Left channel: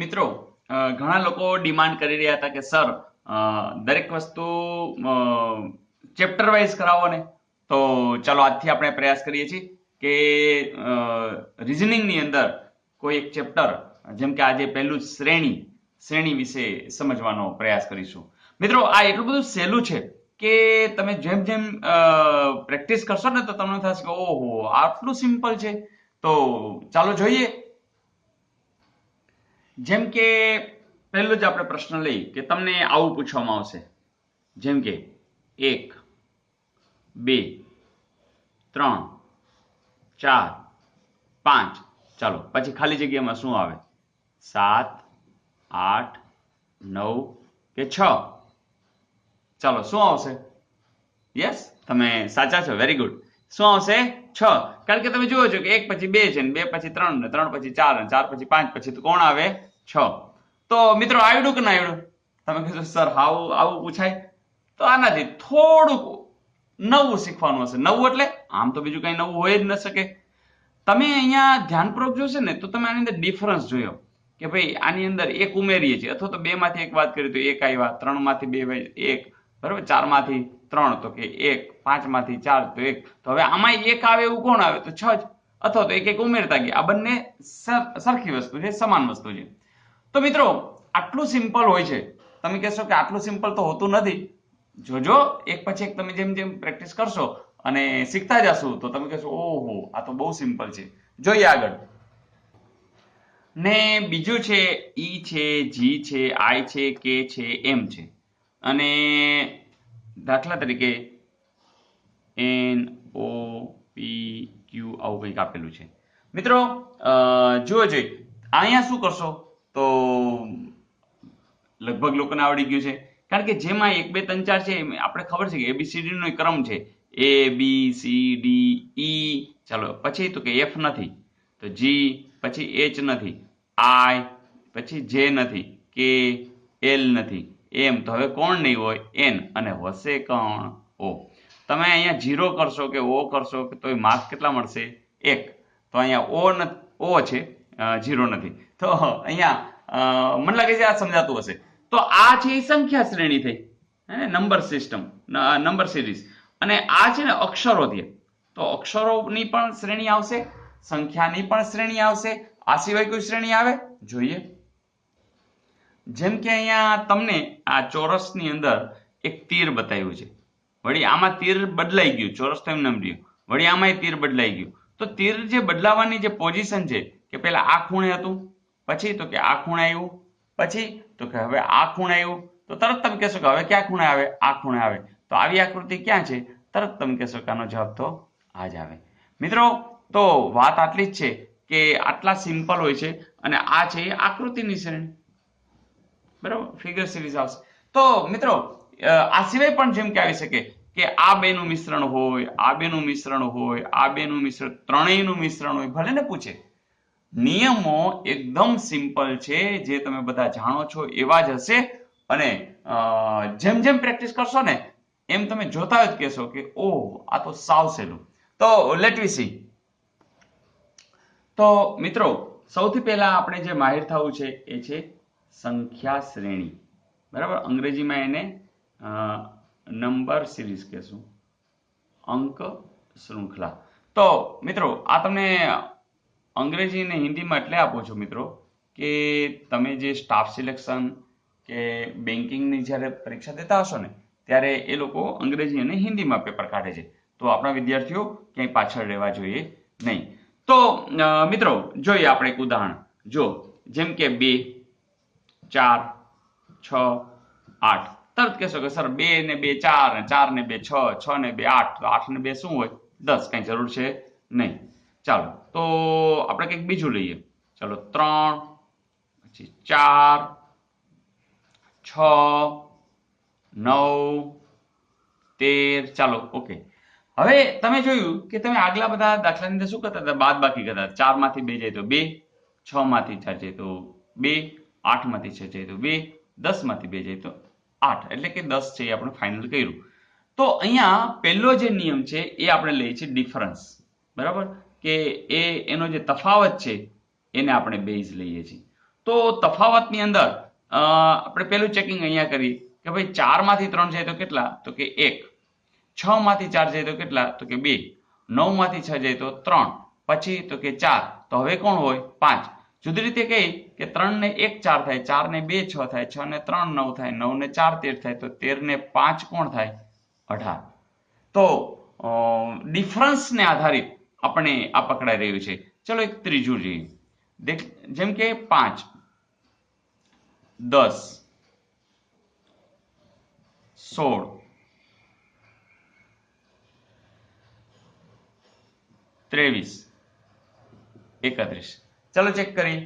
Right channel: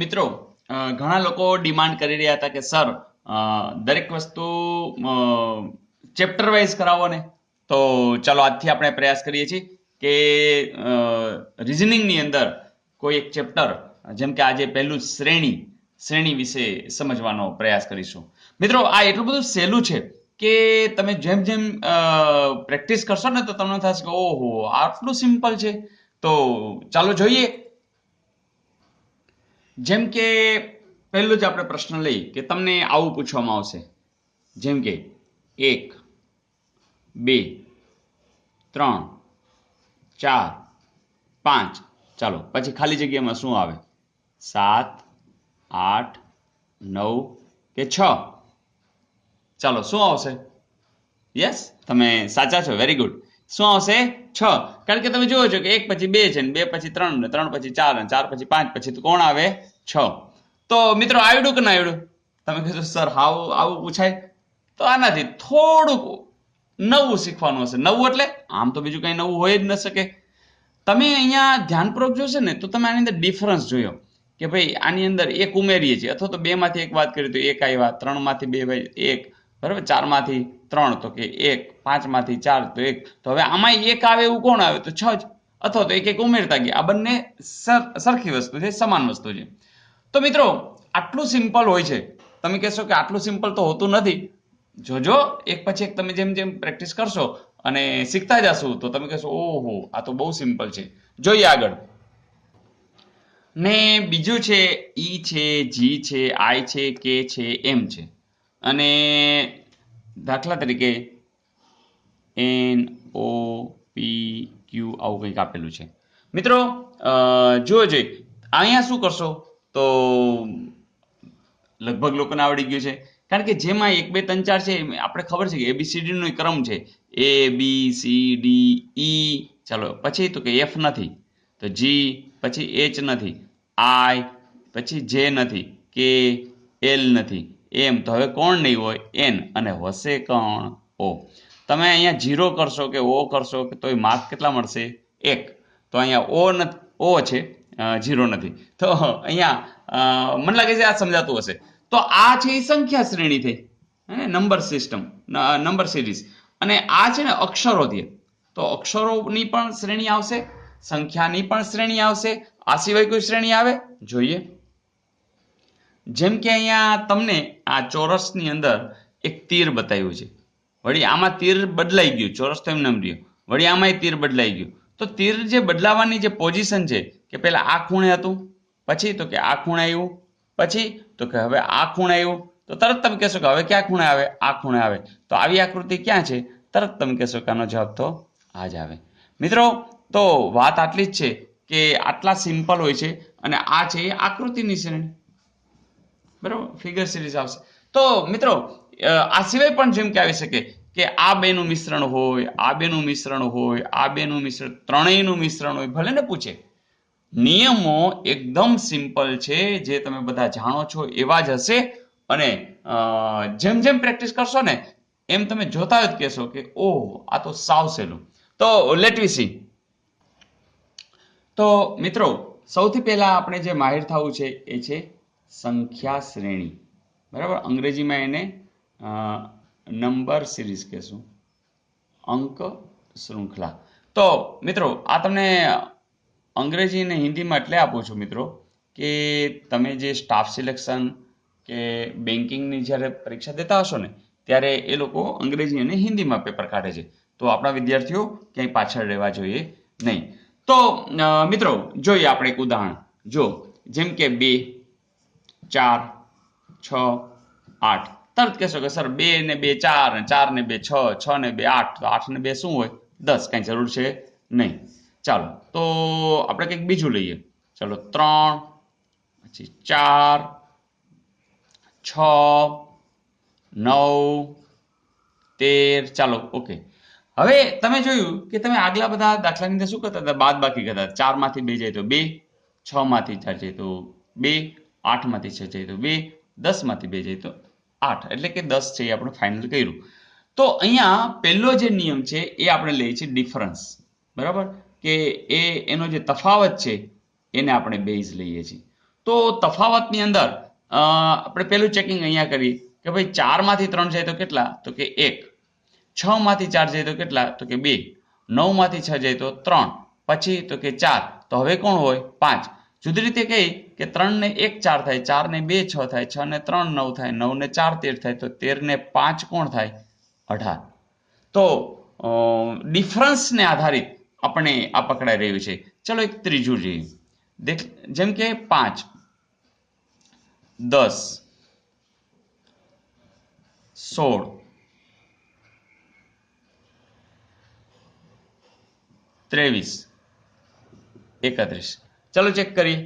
મિત્રો ઘણા લોકો ડિમાન્ડ કરી રહ્યા હતા કે સર દરેક વસ્તુ ચેપ્ટર વાઇઝ કરાવો ને, તો ચાલો આજથી આપણે પ્રયાસ કરીએ છીએ કે રિઝનિંગની અંદર કોઈ એક ચેપ્ટર, જેમ કે આજે પહેલું શ્રેણી વિશે સમજવાનો પ્રયાસ કરીશું. મિત્રો આ એટલું બધું સહેલું છે કે તમે જેમ જેમ પ્રેક્ટિસ કરશો ને તો તમને થશે કે ઓહો આટલું સિમ્પલ છે. તો ચાલો જોઈએ. જેમ કે પહેલું જ આપણે પ્રશ્ન લઈ કે તમને આવું પૂછવામાં આવશે, જેમ કે 1 2 3 4 5, ચાલો પછી ખાલી જગ્યામાં શું આવે? 7 8 9 કે 6? ચાલો શું આવશે? યસ, તમે સાચા છો, વેરી ગુડ. શું આવશે? 6. કારણ કે તમે જુઓ છો કે 1 પછી 2 છે ને 2 પછી 3 ને 3 પછી 4 ને 4 પછી 5 પછી તો કોણ આવે? 6. તો મિત્રો આવડ્યું કે ના આવડ્યું? તમે કહેશો સર આવું પૂછાય? તો આનાથી થોડુંક નવું શીખવાનું હશે. નવું એટલે આમ તો બીજું કઈ નવું હોય જ ન શકે. તમે અહીંયા ધ્યાનપૂર્વક જોશો ને તો તમે આની અંદર ડિફરન્સ જોયો કે ભાઈ આની અંદર 1 ઉમેરીએ છીએ અથવા તો 2 માંથી 1 વાત કરીએ તો 1 આવ્યા, 3 માંથી 2 1, બરાબર, 4 માંથી 3 તો કે 1, 5 માંથી 4 તો 1. તો હવે આમાં 1 આવે એવું કોણ આવે? તો 6 જ. અથવા તો 1 1 ઉમેરતા ગયા. આ બંને સરખી વસ્તુ છે, સમાન વસ્તુ છે. તો મિત્રો આટલું સિમ્પલ હોય છે. તમે કહેશો કે આટલું સિમ્પલ તો હોતું નથી. જોજો એક પછી એક તમે જેમ જેમ પ્રેક્ટિસ કરશો અને શીખતા જશો તો તમે કહેશો ઓહો આ તો બહુ સિમ્પલ છે. જોઈએ આગળ. ને બીજું છે ઈ છે, જી છે, આઈ છે, કે છે, એમ છે. અને દાખલા તરીકે એન ઓ પી ક્યુ આવું કંઈક આપેલું છે. મિત્રો જુઓ જોઈ અહીંયા શું કરશો તો લગભગ લોકોને આવડી ગયું છે. કારણ કે જેમાં 1 2 3 4 છે આપણે ખબર છે કે ABCD નો ક્રમ છે ABCD E. ચાલો પછી તો કે F નથી, તો G, પછી H નથી, I, પછી J નથી, K, L નથી, M. તો હવે કોણ નહીં હોય? N. અને હશે કોણ? O. તમે અહીંયા 0 કરશો કે O કરશો તો માર્ક કેટલા મળશે? 1. તો અહીંયા O છે, 0 નથી. તો અહીંયા મને લાગે છે આ સમજાતું હશે. તો આ છે એ સંખ્યા શ્રેણી થઈ, નંબર સિસ્ટમ, નંબર સિરીઝ. અને આ છે ને અક્ષરોથી. તો અક્ષરોની પણ શ્રેણી આવશે, સંખ્યાની પણ શ્રેણી આવશે. આ સિવાય કોઈ શ્રેણી આવે? જોઈએ. જેમ કે અહીંયા તમને આ ચોરસની અંદર એક તીર બતાવ્યું છે. વળી આમાં તીર બદલાઈ ગયું, ચોરસ તો એમને એમ રહ્યું. વળી આમાંય તીર બદલાઈ ગયું. તો તીર જે બદલાવાની જે પોઝિશન છે કે પહેલા આ ખૂણે હતું, પછી તો કે આ ખૂણે આવ્યું, પછી તો કે હવે આ ખૂણે આવ્યું. તો તરત તમે કહેશો કે હવે ક્યાં ખૂણે આવે? આ ખૂણે આવે. તો આવી આકૃતિ ક્યાં છે? તરત તમે કહેશો કે આનો જવાબ તો આ જ આવે. મિત્રો તો વાત આટલી જ છે કે આટલા સિમ્પલ હોય છે. અને આ છે એ આકૃતિની શ્રેણી, બરાબર, ફિગર સિરીઝ આવશે. તો મિત્રો આ સિવાય પણ જેમ કે આવી શકે કે આ બેનું મિશ્રણ હોય, આ બેનું મિશ્રણ હોય, આ બેનું મિશ્રણ, ત્રણેયનું મિશ્રણ હોય, ભલે ને પૂછે. નિયમો એકદમ સિમ્પલ છે, જે તમે બધા જાણો છો એવા જ હશે. અને જેમ જેમ પ્રેક્ટિસ કરશો ને એમ તમે જોતા જ કહેશો કે ઓહ આ તો સાવ સહેલું. તો લેટ વી સી. તો મિત્રો સૌથી પહેલા આપણે જે માહિર થવું છે એ છે સંખ્યા શ્રેણી, બરાબર. અંગ્રેજીમાં એને નંબર સિરીઝ કહેશું, અંક શૃંખલા. તો મિત્રો આ તમને અંગ્રેજી અને હિન્દીમાં એટલે આપું છું મિત્રો કે તમે જે સ્ટાફ સિલેક્શન કે બેન્કિંગની જ્યારે પરીક્ષા દેતા હશો ને ત્યારે એ લોકો અંગ્રેજી અને હિન્દીમાં પેપર કાઢે છે. તો આપણા વિદ્યાર્થીઓ ક્યાંય પાછળ રહેવા જોઈએ નહીં. તો મિત્રો જોઈએ આપણે એક ઉદાહરણ. જો જેમ કે 2 4 6 8. તરત કહેશો કે સર 2 ને 2 4, 4 ને 2 6, 6 ને 2 8, તો 8 ને 2 શું હોય? 10. કઈ જરૂર છે નહીં. ચાલો તો આપણે કંઈક બીજું લઈએ. ચાલો 3, પછી 4, 6, 9, 13. ચાલો ઓકે. હવે તમે જોયું કે તમે આગલા બધા દાખલાની અંદર શું કરતા હતા? બાદ બાકી કરતા. 4 માંથી 2 જાય તો 2, 6 માંથી 4 જાય તો 2, 8 માંથી 6 જાય તો 2, 10 માંથી 2 જાય તો 8. એટલે કે 10 છે એ આપણે ફાઇનલ કર્યું. તો અહીંયા પહેલો જે નિયમ છે એ આપણે લઈએ છીએ ડિફરન્સ, બરાબર, કે એનો જે તફાવત છે એને આપણે બેઝ લઈએ છીએ. તો તફાવતની અંદર આપણે પેલું ચેકિંગ અહીંયા કરીએ કે ભાઈ 4 માંથી 3 જાય તો કેટલા? તો કે 1. 6 માંથી 4 જાય તો કેટલા? તો કે 2. 9 માંથી 6 જાય તો 3. પછી તો કે 4. તો હવે કોણ હોય? 5. જુદી રીતે કહી કે 3 ને 1 4 થાય, 4 ને 2 6 થાય, 6 ને 3 9 થાય, 9 ને 4 13 થાય, તો 13 ને 5 કોણ થાય? 18. તો ડિફરન્સને આધારિત આપણે આ પકડાઈ રહ્યું છે. ચલો એક ત્રીજું જોઈએ, જેમ કે 5, 10, 16, 23, 31. ચલો ચેક કરીએ.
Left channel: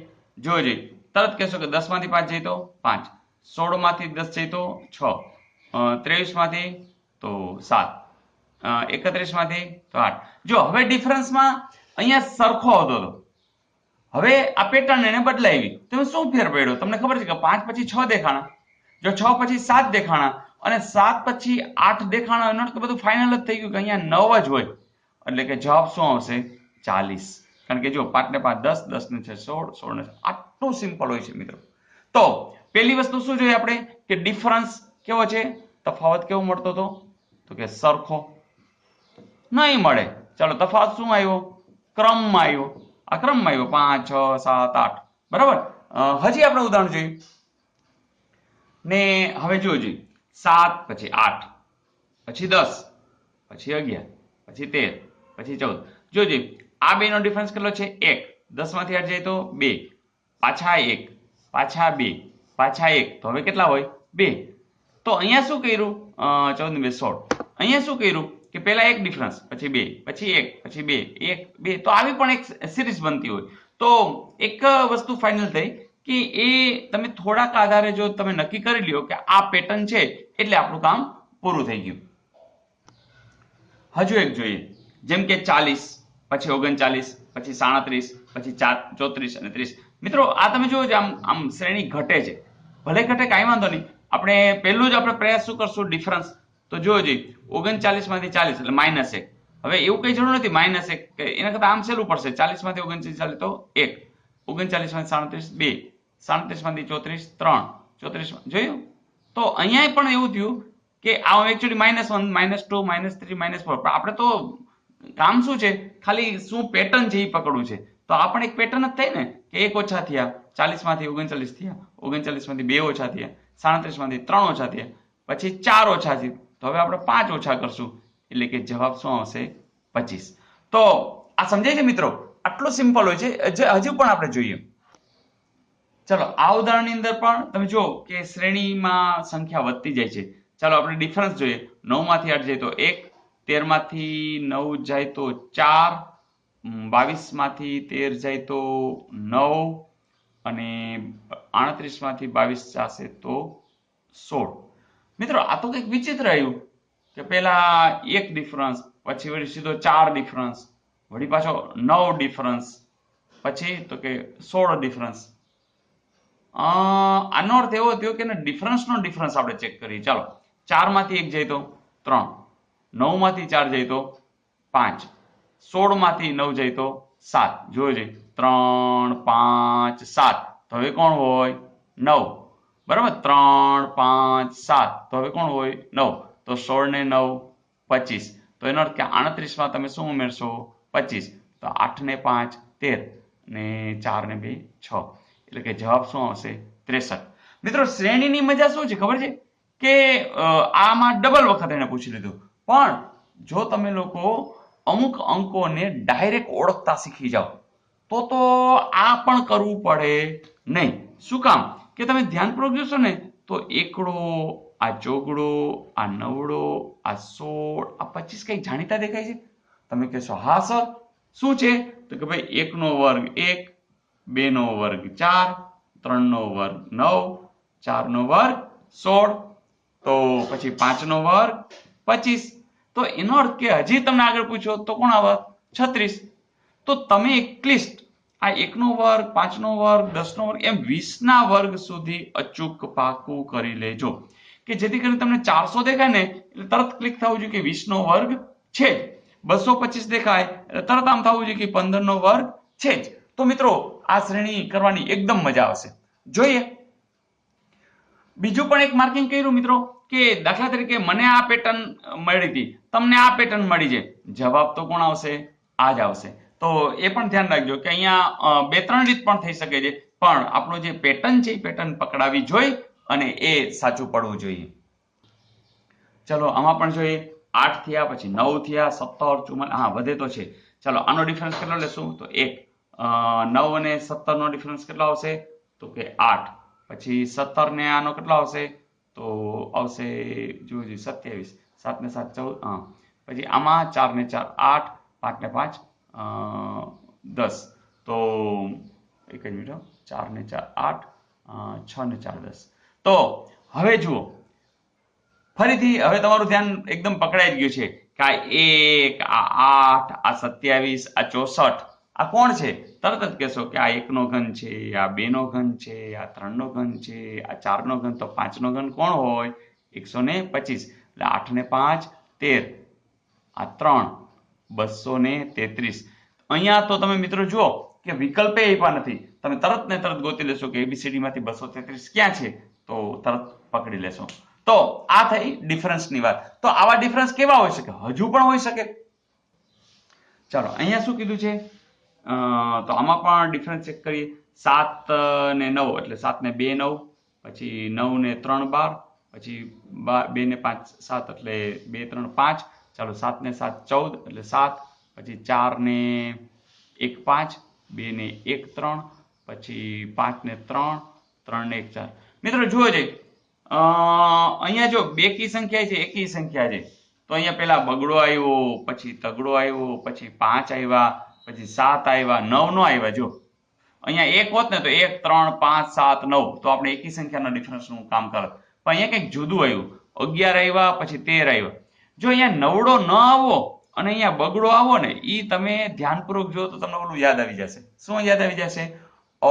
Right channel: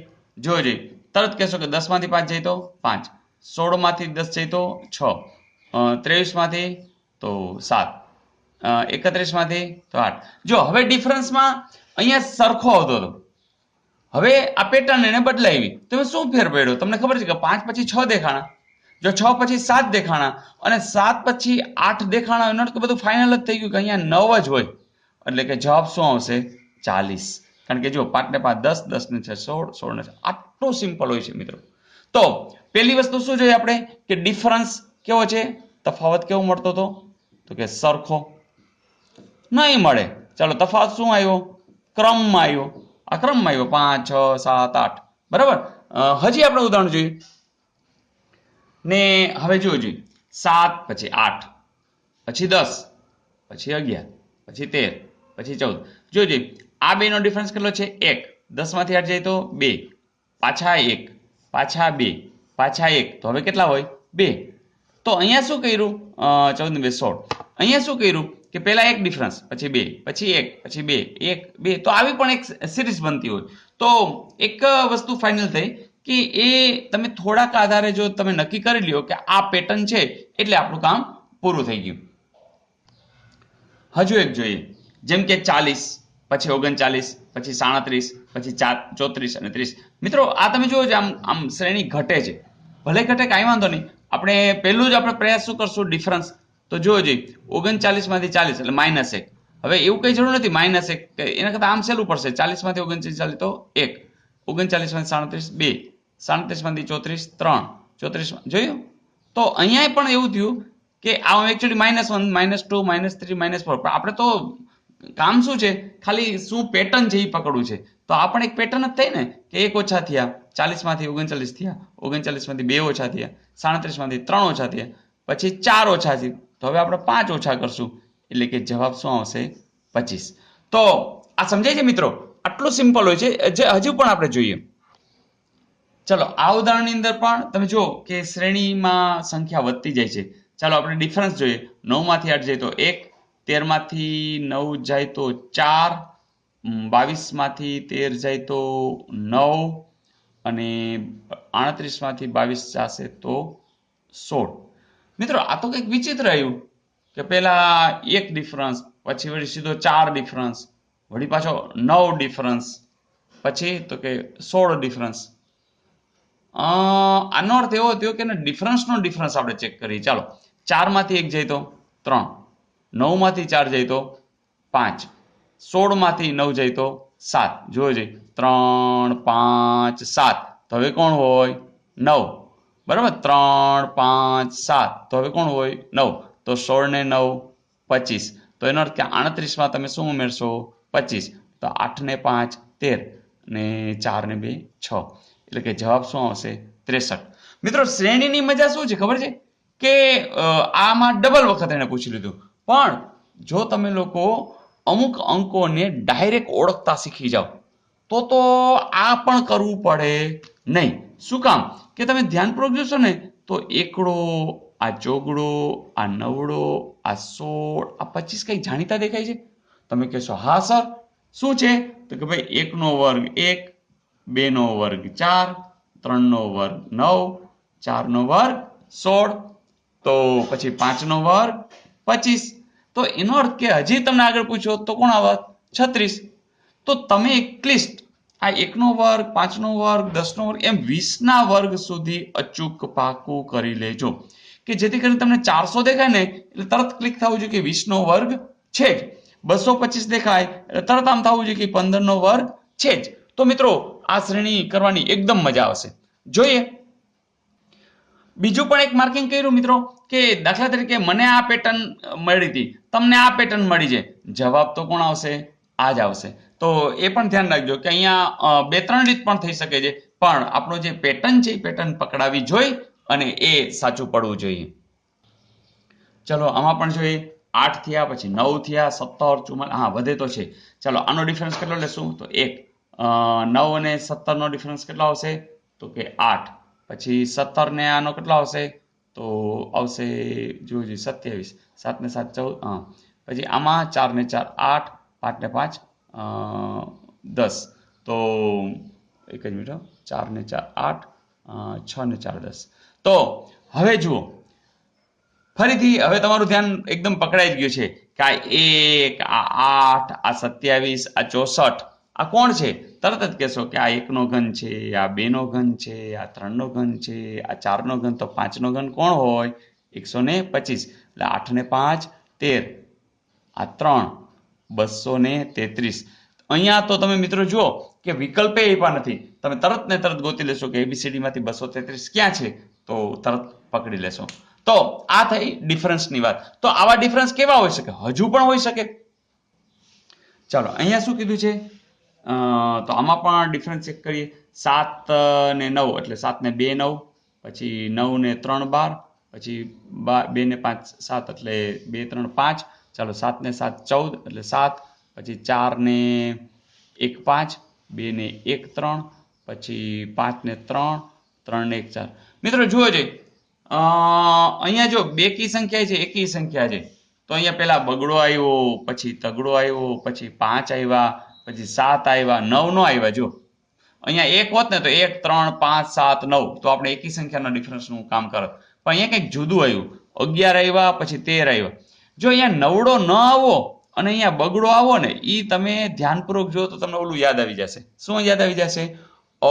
જોજો, તરત કહેશો કે 10 માંથી 5 જાય તો 5, 16 માંથી 10 જાય તો 6, 23 માંથી તો 7, 31 માંથી તો 8. જો હવે ડિફરન્સમાં અહીંયા સરખો આવતો હતો, હવે આ પેટર્ન એને બદલાવી. તમે શું ફેર પડ્યો? તમને ખબર છે કે 5 પછી 6 દેખાણા, જો 6 પછી 7 દેખાણા અને 7 પછી 8 દેખાણા, નોટ કે બધું ફાઇનલ જ થઈ ગયું કે અહીંયા 9 જ હોય. એટલે કે જવાબ શું આવશે? 40. કારણ કે જો 5 ને 5 10, 10 ને 6 16, 16 ને 6. આટલું સિમ્પલ હોય છે મિત્રો. તો પહેલી વસ્તુ શું જોઈએ આપણે કે ડિફરન્સ કેવો છે, તફાવત કેવો મળતો હતો? તો કે સરખો નહીં મળે. ચાલો તફાવત શું આવ્યો? ક્રમમાં આવ્યો. આ ક્રમમાં આવ્યો 5 6 7 8. બરાબર. હજી આપણે ઉદાહરણ જોઈએ ને હવે જોજો, 7 પછી 8 પછી 10 પછી 11 પછી 13 પછી 14. જોજો આ બે નો ડિફરન્સ કેટલો છે? 1. 10 માંથી 8 જાય તો 2, પાછા 1, પાછા 2, પાછા 1. તો હવે કેટલા હોય? 2. તો અહીંયા શું કર્યું? 14 ને 2 16. અહીંયા શું કર્યું કે પહેલા એક ડિફરન્સ, પછી 2, પછી 1, પછી 2, 1 2. તો આવી પણ એક સિરીઝ બનતી હોય. તો એક વસ્તુ ફાઇનલ થઈ કે એ તમે થોડાક આધારે જો તમે નક્કી કરી લ્યો કે આ પેટર્ન છે એટલે આપણું કામ પૂરું થઈ ગયું. હજુ એક જોઈએ, જેમ કે 40 પછી 39 પછી 37 પછી 34 અને 30. મિત્રો આ તમે જોજો આમ શ્રેણી ઘટે છે. ભલે ઘટે કાંઈ વાંધો નહીં. આપણે પહેલું જ આપણે પ્રયાસ શું કરશું? ડિફરન્સ. તો જોજો 39 માંથી 40 એટલે -1. હવે એવું કઈ જરૂર નથી -1, એના કરતા આમ સહેલું પડશે. 40 માંથી 39 ચાલે તો 1, 39 માંથી 37 2, 37 માંથી 34 3, 34 જોયું. તો અહીંયા પણ એવું થયું કે આ એકચ્યુઅલી -1 -2 -3 -4. પણ આપણે તો કામ શું છે? ખાલી શું પેટર્ન છે એ પકડવું છે. તો આ પણ એક પેટર્ન જ થઈ ને કે 1 ઓછા થયા, 40 માંથી 39 થયા, 39 માંથી 2 ઓછા થયા, 37 માંથી 3 ઓછા થયા, પછી 4 ઓછા થયા. તો હવે આપણે 5 ઓછા કરશું એટલે કે જવાબ શું આવશે? 25. તો આ સમજાય છે મિત્રો? આટલું સિમ્પલ હોય છે. હજુ પણ આપણે જોઈએ. ચલો આ ઉદાહરણની અંદર પણ તમે જુઓ કે શ્રેણીમાં સંખ્યા વધતી જાય છે. ચાલો આપણે ડિફરન્સ જોઈએ. 9 માંથી 8 જાય તો 1, 13 માંથી 9 જાય તો 4, 22 માંથી 13 જાય તો 9 અને 38 માંથી 22 જશે તો 16. મિત્રો આ તો કંઈક વિચિત્ર આવ્યું કે પેલા એક ડિફરન્સ, પછી વળી સીધો 4 ડિફરન્સ, વળી પાછો 9 ડિફરન્સ, પછી તો કે 16 ડિફરન્સ. આનો અર્થ એવો થયો કે ડિફરન્સનો ડિફરન્સ આપણે ચેક કરીએ. ચાલો 4 માંથી 1 જાય તો 3, 9 માંથી 4 જાય તો 5, 16 માંથી 9 જાય તો 7. જોજો 3 5 7. તો હવે કોણ હોય? 9. બરાબર. 3 5 7. તો હવે કોણ હોય? 9. તો 16 ને 9 25. તો એનો અર્થ કે 38 માં તમે શું ઉમેરશો? 25. તો 8 ને 5 13 ને 4 ને 2 6. એટલે કે જવાબ શું આવશે? 63. મિત્રો શ્રેણીની મજા શું છે ખબર છે કે આમાં ડબલ વખત એને પૂછી લીધું. પણ જો તમે લોકો અમુક અંકોને ડાયરેક્ટ ઓળખતા શીખી જાઓ તો આ પણ કરવું પડે નહીં. શું કામ? કે તમે ધ્યાનપૂર્વક જોશો ને તો એકડો, આ ચોગડો, આ નવડો, આ 16, આ 25 કઈ જાણીતા દેખાય છે? તમે કહેશો હા સર શું છે? તો કે ભાઈ 1 નો વર્ગ 1, 2 નો વર્ગ 4, 3 નો વર્ગ 9, 4 નો વર્ગ 16, તો પછી 5 નો વર્ગ 25. તો એનો અર્થ કે હજી તમને આગળ પૂછ્યો તો કોણ આવત? 36. તો તમે એટલીસ્ટ આ 1 નો વર્ગ, 5 નો વર્ગ, 10 નો વર્ગ એમ 20 ના વર્ગ સુધી અચૂક પાકું કરી લેજો કે જેથી કરીને તમને 400 દેખાય ને એટલે તરત ક્લિક થવું જોઈએ કે 20 નો વર્ગ છે જ. 225 દેખાય એટલે તરત આમ થવું જોઈએ કે 15 નો વર્ગ છે જ. તો મિત્રો આ શ્રેણી કરવાની એકદમ મજા આવશે. જોઈએ. બીજું પણ એક માર્કિંગ કર્યું મિત્રો કે દાખલા તરીકે મને આ પેટર્ન મળી હતી, તમને આ પેટર્ન મળી છે, જવાબ તો કોણ આવશે? આ જ આવશે. તો એ પણ ધ્યાન રાખજો કે અહીંયા 2-3 રીત પણ થઈ શકે છે, પણ આપણો જે પેટર્ન છે એ પેટર્ન પકડાવી જોઈએ અને એ સાચું પડવું જોઈએ. ચલો આમાં પણ જોઈએ. 8 થયા, પછી 9 થયા, 17, 44, હા વધે તો છે. ચલો આનો ડિફરન્સ કેટલો લેશું? તો 1. 9 અને 17 નો ડિફરન્સ કેટલો આવશે? તો કે 8. પછી 17 ને આનો કેટલો આવશે? તો આવશે જોજો 27. 7 ને 7 14. હા પછી આમાં 4 ને 4 8, 5 ને 5 10. તો એક જ મિનિટ, 4 ને 4 8, 6 ને 4 10. તો હવે જુઓ ફરીથી હવે તમારું ધ્યાન એકદમ પકડાઈ ગયું છે કે આ 1, આ 8, આ 27, આ 64 આ કોણ છે? તરત જ કહેશો કે આ 1 નો ઘન છે, આ 2 નો ઘન છે, આ 3 નો ઘન છે, આ 4 નો ઘન. તો 5 નો ઘન કોણ હોય? 125. એટલે 8 ને 5 13, આ 3 233. અહીંયા તો તમે મિત્રો જુઓ કે વિકલ્પે આપ્યા નથી, તમે તરત ને તરત ગોતી લેશો કે એબીસીડી માંથી 233 ક્યાં છે, તો તરત પકડી લેશો. તો આ થઈ ડિફરન્સની વાત. તો આવા ડિફરન્સ કેવા હોઈ શકે? હજુ પણ હોઈ શકે. ચાલો અહીંયા શું કીધું છે? તો આમાં પણ ડિફરન્સ ચેક કરીએ. 7 ને 9 એટલે 7 ને 2 9, પછી 9 ને 3 12, પછી 2 ને 5 7 એટલે 2 3 5. ચાલો 7 ને 7 14 એટલે 7, પછી 4 ને 1 5, 2 ને 1 3, પછી 5 ને 3, 3 ને 1 4. મિત્રો જુઓ છે અહીંયા જો બેકી સંખ્યા છે, એકી સંખ્યા છે, તો અહીંયા પેલા બગડો આવ્યો, પછી તગડો આવ્યો, પછી 5 આવ્યા, પછી 7 આવ્યા, 9 નો આવ્યા. જો અહીંયા 1 હોત ને તો 1 3 5 7 9, તો આપણે એકી સંખ્યાના ડિફરન્સનું કામ કરત. પણ અહીંયા કંઈક જુદું આવ્યું, 11 આવ્યા, પછી 13 આવ્યા. જો અહીંયા નવડો ન આવો અને અહીંયા બગડો આવો ને, એ તમે ધ્યાનપૂર્વક જો તો તમને ઓલું યાદ આવી જશે. શું યાદ આવી જશે?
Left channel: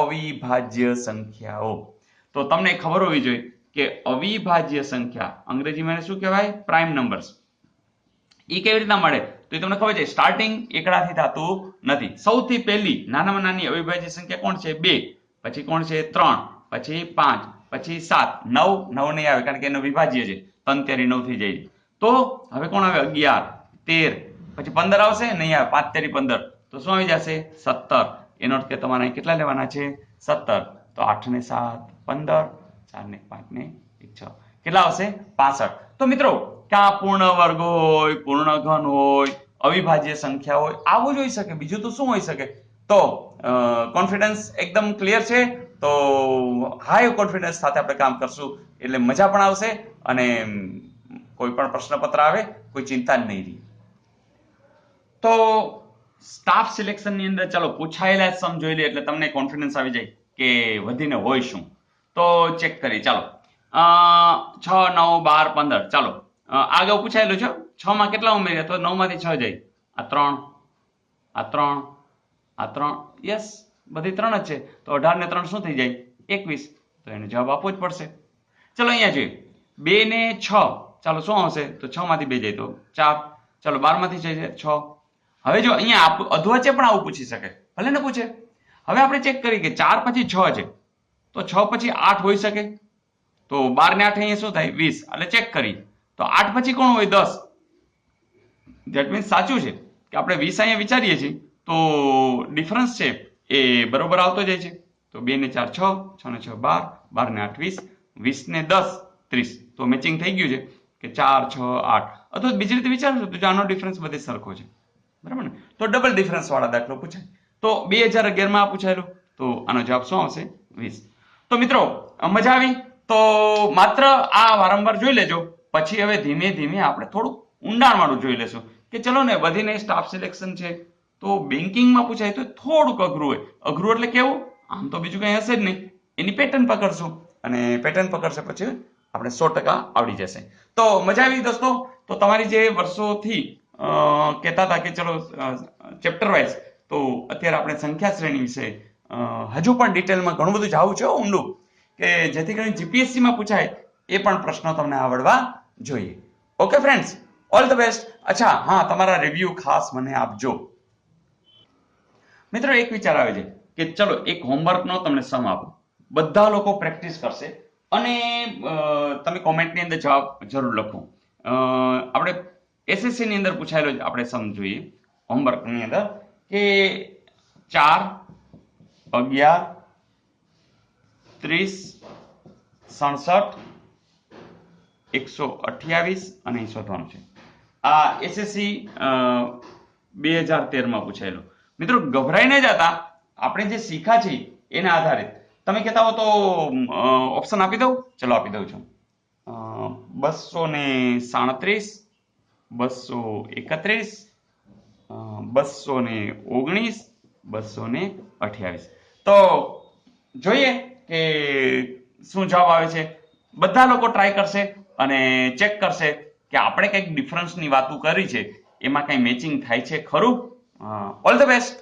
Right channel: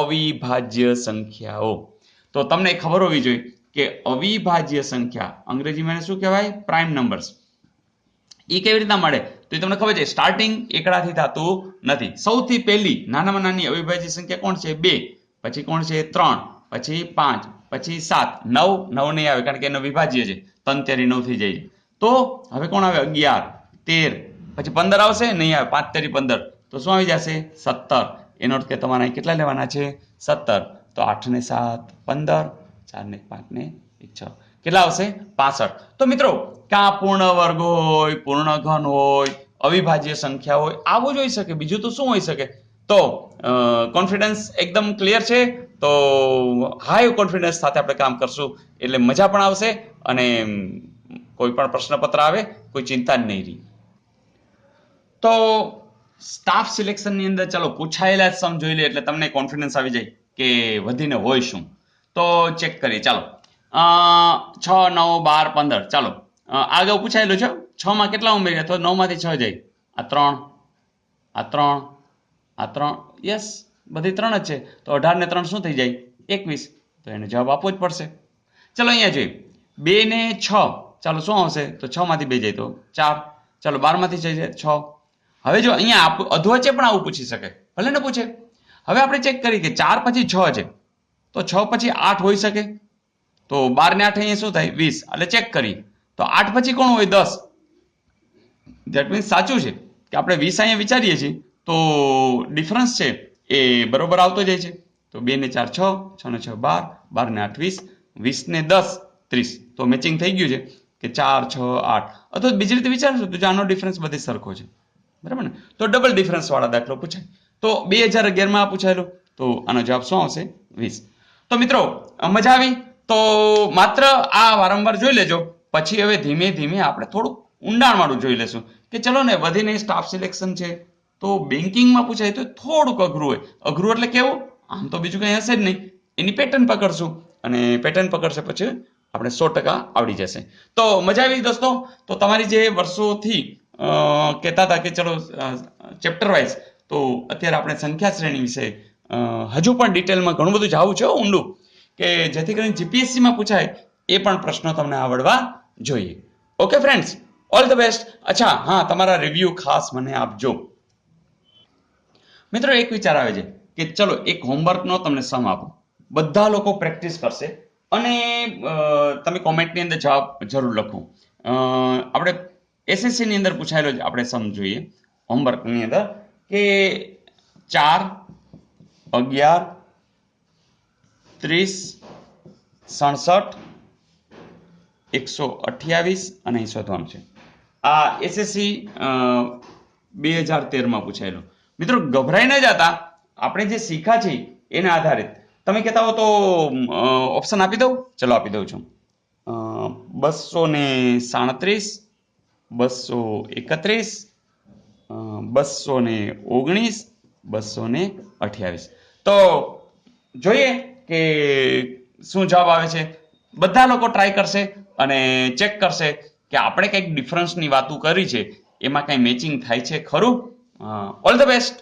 અવિભાજ્ય સંખ્યાઓ. તો તમને ખબર હોવી જોઈએ કે અવિભાજ્ય સંખ્યા અંગ્રેજીમાં શું કહેવાય? Prime numbers. એ કેવી રીતના મળે? તો એ તમને ખબર છે, સ્ટાર્ટિંગ એકડાથી થતું નથી. સૌથી પહેલી નાનામાં નાની અવિભાજ્ય સંખ્યા કોણ છે? 2. પછી કોણ છે? 3. પછી 5. પછી 7. 9 9 નહીં આવે કારણ કે એનો વિભાજ્ય છે, 3 તેરી 9 થઈ જાય. તો હવે કોણ આવે? 11 13, પછી 15 આવશે? નહીં આવે. 5 તેરી 15, તો શું આવી જશે? 17. એનો અર્થ કે તમારે અહીં કેટલા લેવાના છે? 17. તો 8 ને 7 15, 4 ને 5 ને 6, કેટલા આવશે? 65. તો મિત્રો ક્યાં પૂર્ણ વર્ગ હોય, પૂર્ણ ઘન હોય, અવિભાજ્ય સંખ્યા હોય, આવું જ હોઈ શકે. બીજું તો શું હોઈ શકે? તો કોન્ફિડન્સ એકદમ ક્લિયર છે. તો હાઈ કોન્ફિડન્સ સાથે આપણે કામ કરશું એટલે મજા પણ આવશે અને કોઈ પણ પ્રશ્નપત્ર આવે કોઈ ચિંતા જ નહીં રહી. તો સ્ટાફ સિલેક્શનની અંદર ચાલો પૂછાયેલા સમ જોઈ લે એટલે તમને કોન્ફિડન્સ આવી જાય કે વધીને હોય શું. તો ચેક કરીએ. ચાલો 6 9 12 15. ચાલો આગળ પૂછાયેલું છે 6 માં કેટલા ઉમેર્યા? તો 9 માંથી 6 જાય. આ 3, આ 3, આ 3, યસ બધી 3 જ છે. તો 18 ને 3 શું થઈ જાય? 21. તો એને જવાબ આપવો જ પડશે. ચલો અહીંયા જોઈએ 2 ને 6. ચાલો શું આવશે? તો 6 માંથી 2 જાય તો 4. ચાલો 12 માંથી 6 જાય 6. હવે જો અહીંયા અધવચ્ચે પણ આવું પૂછી શકે, ભલે ને પૂછે. હવે આપણે ચેક કરીએ કે 4 પછી 6 છે, તો 6 પછી 8 હોઈ શકે. તો 12 ને 8 અહીંયા શું થાય? 20. એટલે ચેક કરી તો 8 પછી કોણ હોય? 10. ધેટ મીન્સ સાચું છે કે આપણે 20 અહીંયા વિચારીએ છીએ તો ડિફરન્સ છે એ બરોબર આવતો જાય છે. તો 2 ને 4 6, 6 ને 6 12, 12 ને 8 20, 20 ને 10 30. તો મેચિંગ થઈ ગયું છે કે 4 6 8. અથવા બીજી રીતે વિચારશો તો આનો ડિફરન્સ બધે સરખો છે, બરાબર ને? તો ડબલ ડિફરન્સ વાળા દાખલો પૂછાય. તો 2011 માં પૂછાયેલું, તો આનો જવાબ શું આવશે? 20. તો મિત્રો મજા આવી? તો માત્ર આ વારંવાર જોઈ લેજો, પછી હવે ધીમે ધીમે આપણે થોડું ઊંડાણ વાળું જોઈ લેશું કે ચલો ને વધીને સ્ટાફ સિલેક્શન છે તો બેન્કિંગમાં પૂછાય તો થોડુંક અઘરું હોય. અઘરું એટલે કેવું? આમ તો બીજું કંઈ હશે જ નહીં, એની પેટર્ન પકડશું અને પેટર્ન પકડશે પછી આપણે 100% આવડી જશે. તો મજા આવી દોસ્તો? તો તમારી જે વર્ષોથી કહેતા હતા કે ચલો ચેપ્ટર વાઇઝ, તો અત્યારે આપણે સંખ્યા શ્રેણી વિશે હજુ પણ ડિટેલમાં ઘણું બધું જાવું છે ઊંડું, કે જેથી કરીને જીપીએસસીમાં પૂછાય એ પણ પ્રશ્નો તમને આવડવા જોઈએ. Okay friends, all the best. અચ્છા હા, તમારા રિવ્યુ ખાસ મને આપજો. મિત્રો એક વિચાર આવે છે કે ચલો એક હોમવર્કનો તમને સમ આપો, બધા લોકો પ્રેક્ટિસ કરશે અને તમે કોમેન્ટની અંદર જવાબ જરૂર લખો. આપણે એસએસસી ની અંદર પૂછાયેલો જ આપણે સમ જોઈએ હોમવર્કની અંદર કે 4, 11, 30, 67, 128 અને અહીં શોધવાનું છે. આ એસએસસી 2013 પૂછાયેલું. મિત્રો ગભરાઈ ન જતા, આપણે જે શીખ્યા છે એના આધારિત તમે કહેતા હો તો ઓપ્શન આપી દઉં. ચલો આપી દઉં છું. 237, 231, 219, 228. તો જોઈએ કે શું જવાબ આવે છે. બધા લોકો ટ્રાય કરશે અને ચેક કરશે કે આપણે કંઈક ડિફરન્સની વાતો કરી છે એમાં કંઈ મેચિંગ થાય છે ખરું. All the best.